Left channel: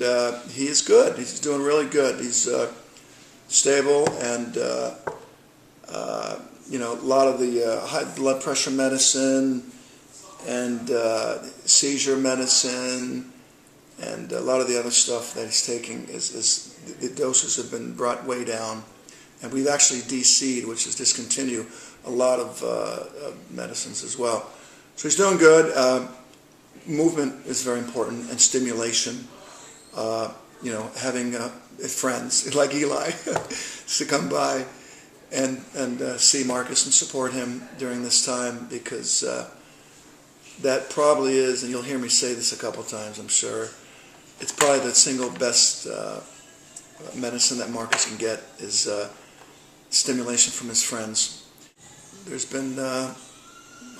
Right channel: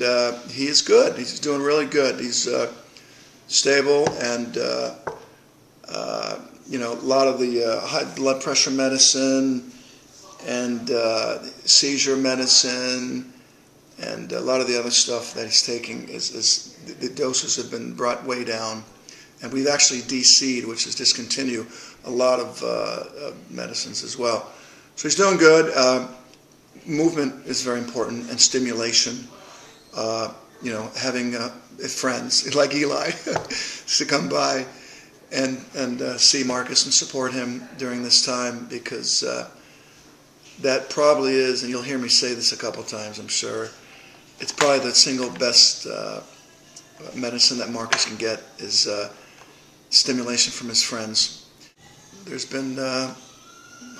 He is good. He's doing really good. He's stable, and a lot of the high blood pressure medicine and seizure medicine and a lot of the other stuff that he's taking is the doses have been brought way down, and we've actually DC'd, which is discontinue, a lot of medicines as well. So he's doing good. Movement is very important, and stimulation. Having friends like Eli to come by and see Marcus and support him during this time, because that probably is, and you'll hear me say this a couple times, I'm sure, it's probably the single best medicine that Marcus can get is stimulation from his friends. There's been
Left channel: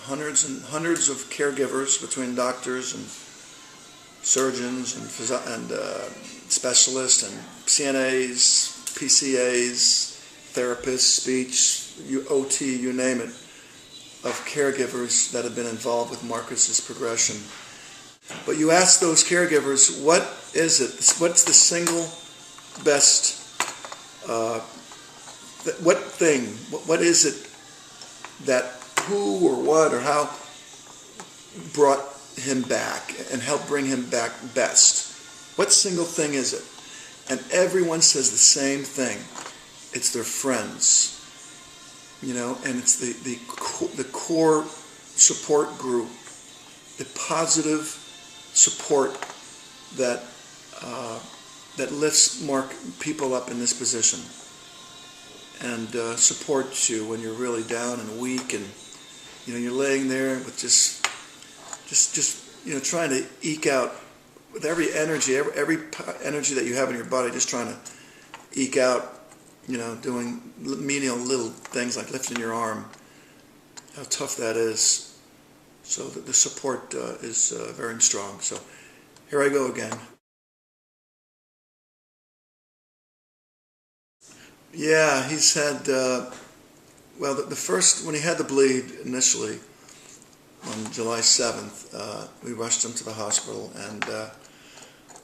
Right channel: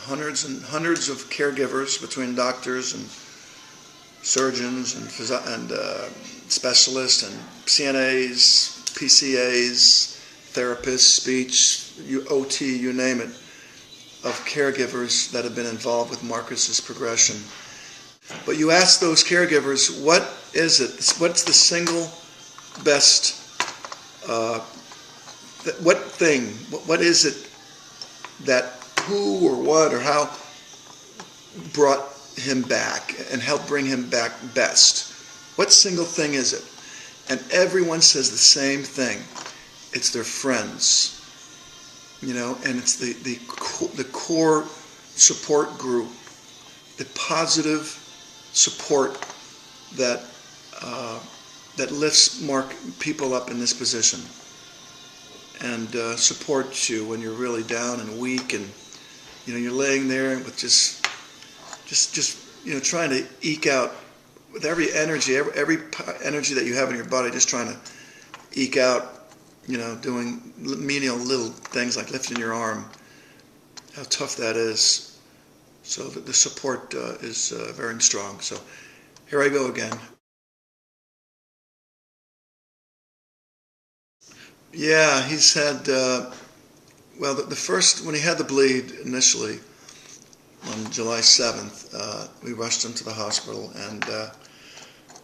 hundreds and hundreds of caregivers between doctors and surgeons and specialists and CNAs, PCAs, therapists, speech, OT, you name it, of caregivers that have been involved with Marcus's progression. But you ask those caregivers, what is it? What's the single best, what is it that who or what or how brought him back and helped bring him back best? What single thing is it? And everyone says the same thing. It's their friends, and it's the core support group, the positive support that lifts people up in this position and supports you when you're really down and weak, and you're laying there with just trying to eke out with every energy that you have in your body, just trying to eke out, doing menial little things like lifting your arm, how tough that is. So the support is very strong. So here I go again. Yeah, he's had, the first, when he had the bleed initially, on July 7th, we rushed him to the hospital, and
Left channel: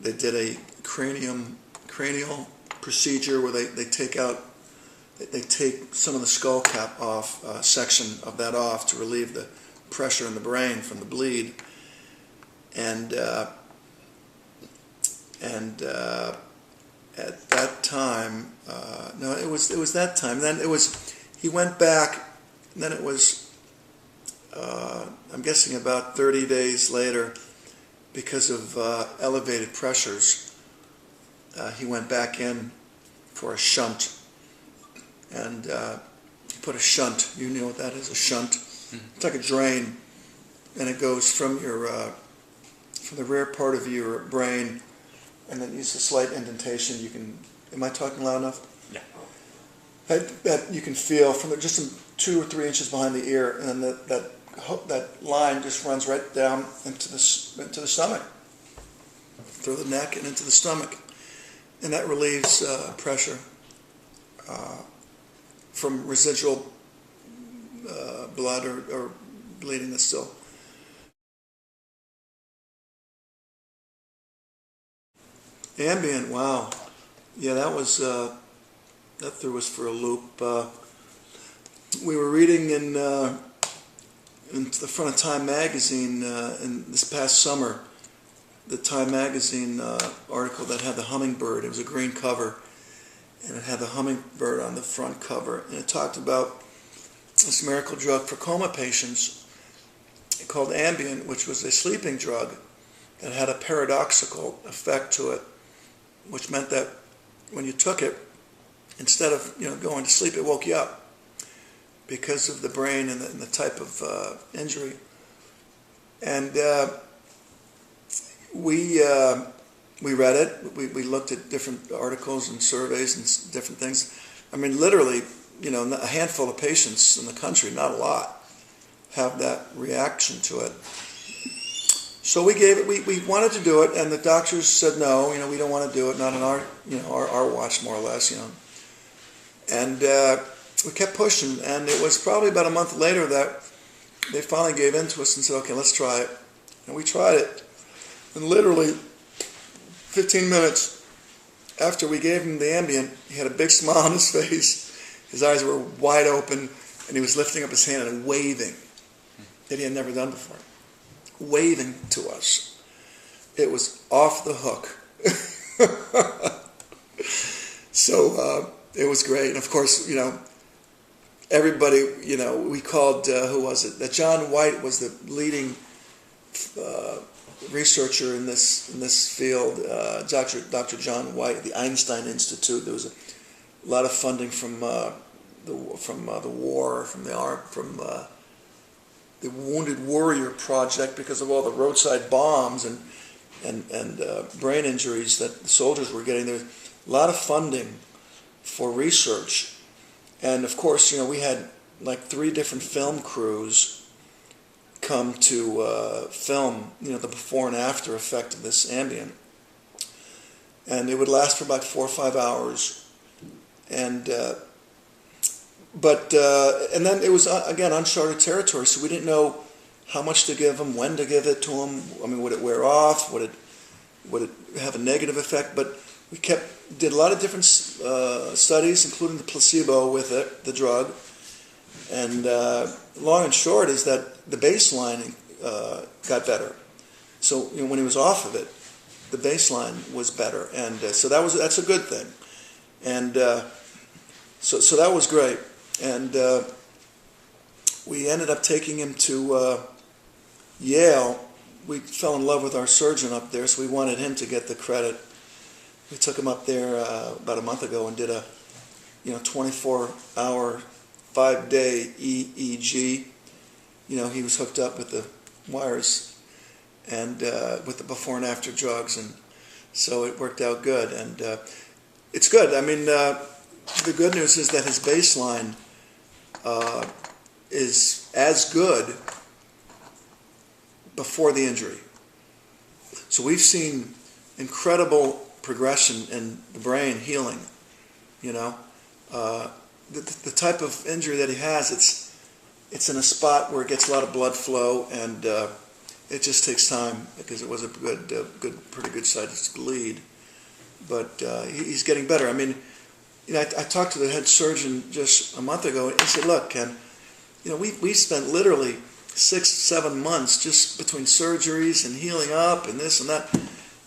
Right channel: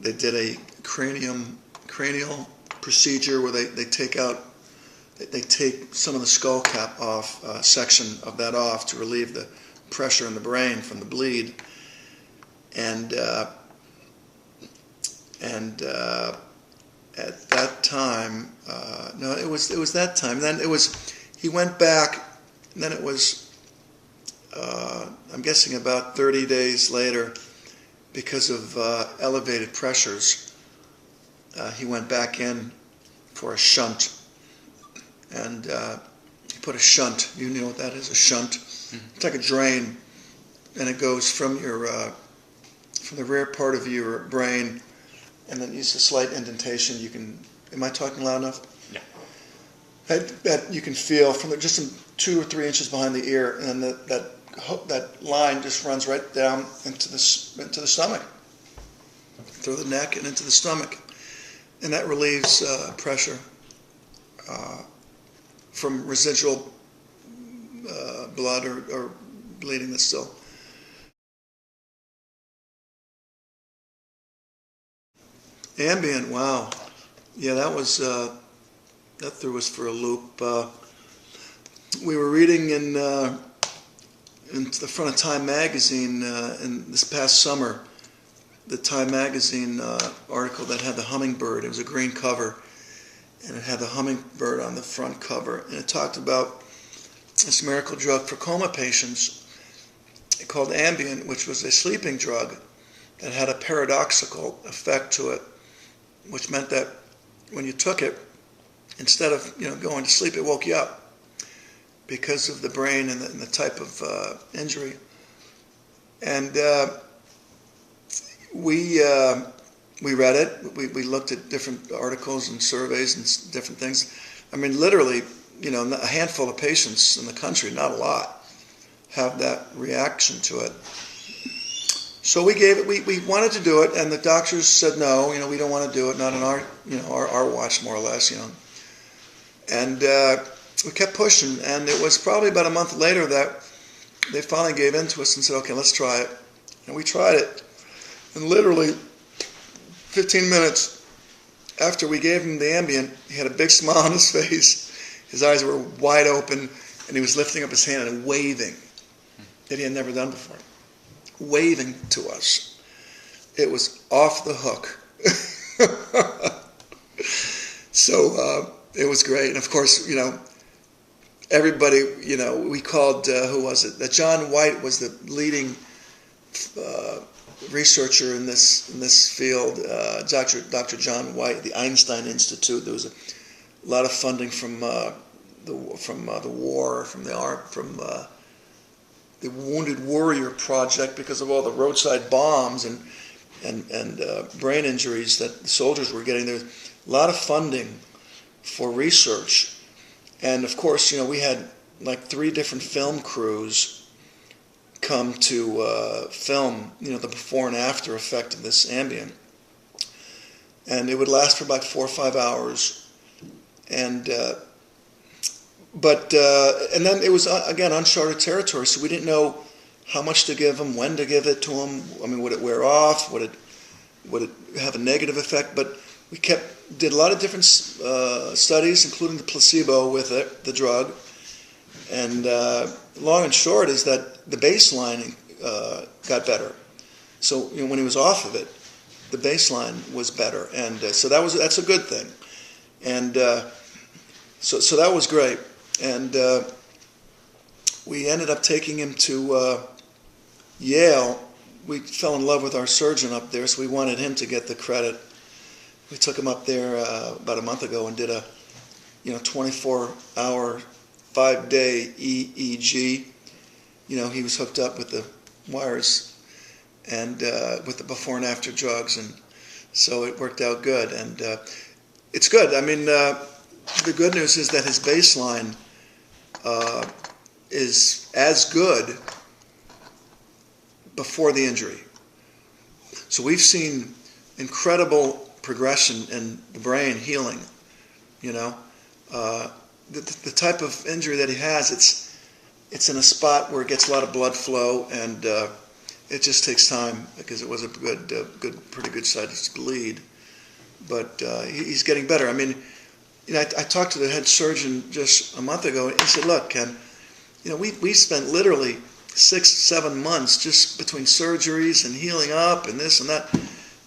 they did a cranial procedure where they take some of the skull cap off, section of that off to relieve the pressure in the brain from the bleed, and at that time, it was that time. Then he went back, and then it was, I'm guessing about 30 days later, because of elevated pressures, he went back in for a shunt, and he put a shunt. You know what that is, a shunt? Mm-hmm. It's like a drain, and it goes from the rear part of your brain, and then it's a slight indentation. Am I talking loud enough? Yeah. That you can feel from just 2 or 3 inches behind the ear, and then that line just runs right down into the stomach, through the neck and into the stomach, and that relieves pressure from residual blood or bleeding that's still. Ambien, wow. Yeah, that threw us for a loop. We were reading in the front of Time magazine in this past summer, the Time magazine article that had the hummingbird. It was a green cover, and it had the hummingbird on the front cover, and it talked about this miracle drug for coma patients called Ambien, which was a sleeping drug that had a paradoxical effect to it, which meant that when you took it, instead of going to sleep, it woke you up because of the brain and the type of injury. And we read it. We looked at different articles and surveys and different things. I mean, literally, a handful of patients in the country, not a lot, have that reaction to it. So we gave it. We wanted to do it, and the doctors said no. We don't want to do it. Not on our watch, more or less. And we kept pushing, and it was probably about a month later that they finally gave in to us and said, "Okay, let's try it." And we tried it, and literally 15 minutes after we gave him the Ambien, he had a big smile on his face. His eyes were wide open, and he was lifting up his hand and waving that he had never done before. Waving to us. It was off the hook. So it was great. And of course, everybody, we called, who was it? That John White was the leading researcher in this field. Dr. John White, the Einstein Institute. There was a lot of funding from the war, from the Wounded Warrior Project, because of all the roadside bombs and brain injuries that the soldiers were getting. There was a lot of funding for research. And of course, we had like 3 different film crews come to film, the before and after effect of this Ambien. And it would last for about 4 or 5 hours. And then it was, again, uncharted territory, so we didn't know how much to give him, when to give it to him. I mean, would it wear off? Would it have a negative effect? But we did a lot of different studies, including the placebo with it, the drug. And long and short is that the baseline got better. So when he was off of it, the baseline was better, and so that's a good thing. And so that was great. And we ended up taking him to Yale. We fell in love with our surgeon up there, so we wanted him to get the credit. We took him up there about a month ago and did a 24-hour, 5-day EEG. He was hooked up with the wires and with the before and after drugs, and so it worked out good. And it's good. I mean, the good news is that his baseline is as good before the injury. So we've seen incredible progression in the brain healing. The type of injury that he has, it's in a spot where it gets a lot of blood flow, and it just takes time because it was a pretty good sized bleed. But he's getting better. I mean, I talked to the head surgeon just a month ago, and he said, "Look, Ken, we spent literally 6-7 months just between surgeries and healing up and this and that,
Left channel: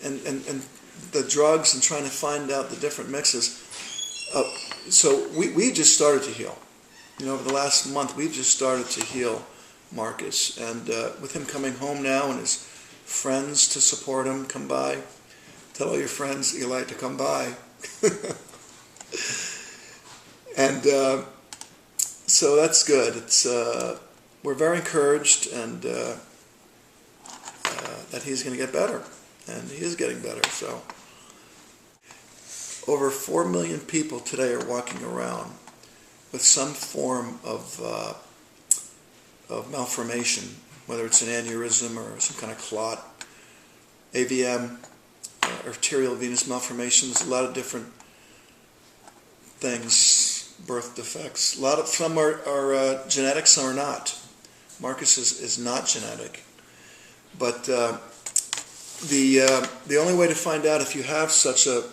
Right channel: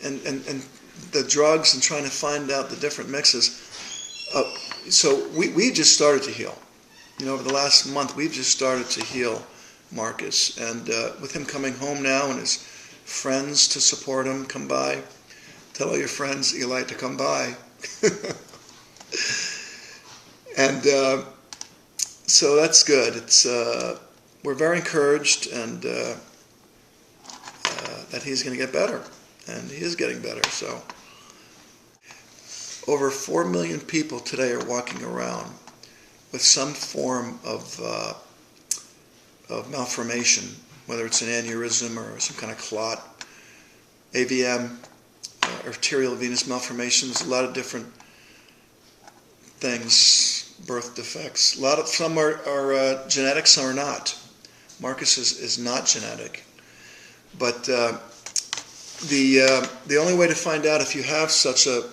and the drugs and trying to find out the different mixes. So we just started to heal. Over the last month, we've just started to heal Marcus, and with him coming home now and his friends to support him, come by. Tell all your friends Eli to come by." And so that's good. It's we're very encouraged, and that he's going to get better, and he is getting better. So over 4 million people today are walking around with some form of malformation, whether it's an aneurysm or some kind of clot, AVM, arterial venous malformation. There's a lot of different things, birth defects. Some are genetic, some are not. Marcus is not genetic, but the only way to find out if you have such a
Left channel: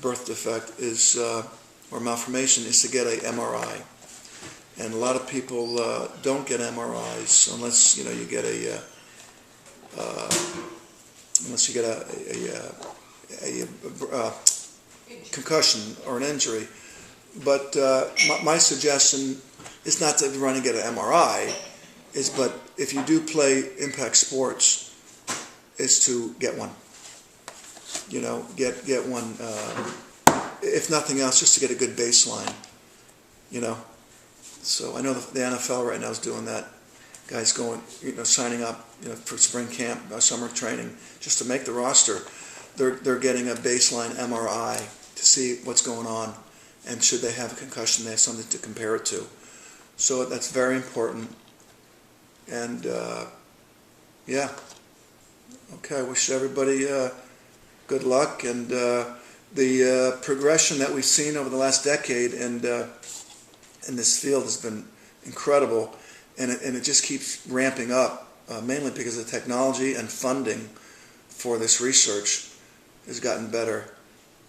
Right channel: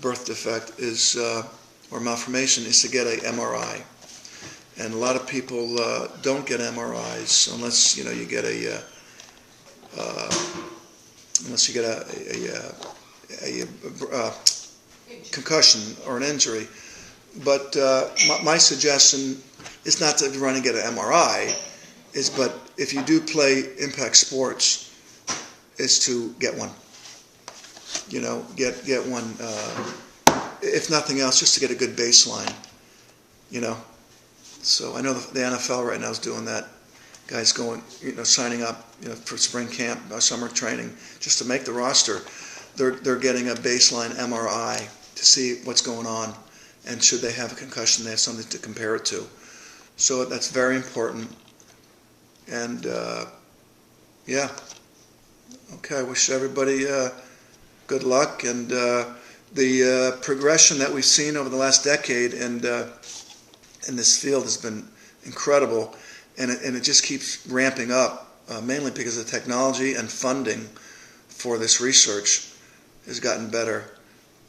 birth defect is or malformation is to get a MRI, and a lot of people don't get MRIs unless you get a concussion or an injury. But my suggestion is not to run and get an MRI, but if you do play impact sports, is to get one. Get one. If nothing else, just to get a good baseline. So I know the NFL right now is doing that. Guys going, signing up, for spring camp, summer training, just to make the roster. They're getting a baseline MRI to see what's going on, and should they have a concussion, they have something to compare it to. So that's very important. And yeah, okay. I wish everybody good luck, and the progression that we've seen over the last decade and in this field has been incredible, and it just keeps ramping up, mainly because of technology and funding for this research. has gotten better.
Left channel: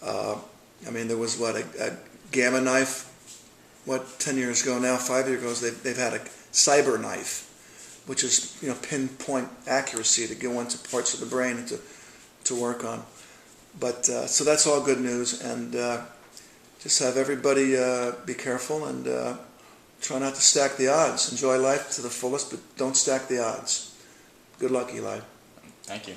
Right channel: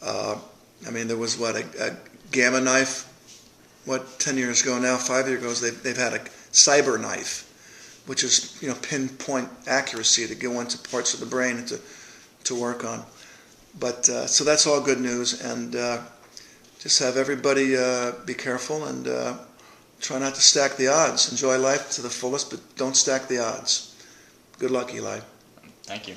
I mean, there was a gamma knife, 10 years ago now, 5 years ago, they've had a cyber knife, which is, pinpoint accuracy to go into parts of the brain to work on. But so that's all good news, and just have everybody be careful and try not to stack the odds. Enjoy life to the fullest, but don't stack the odds. Good luck, Eli. Thank you.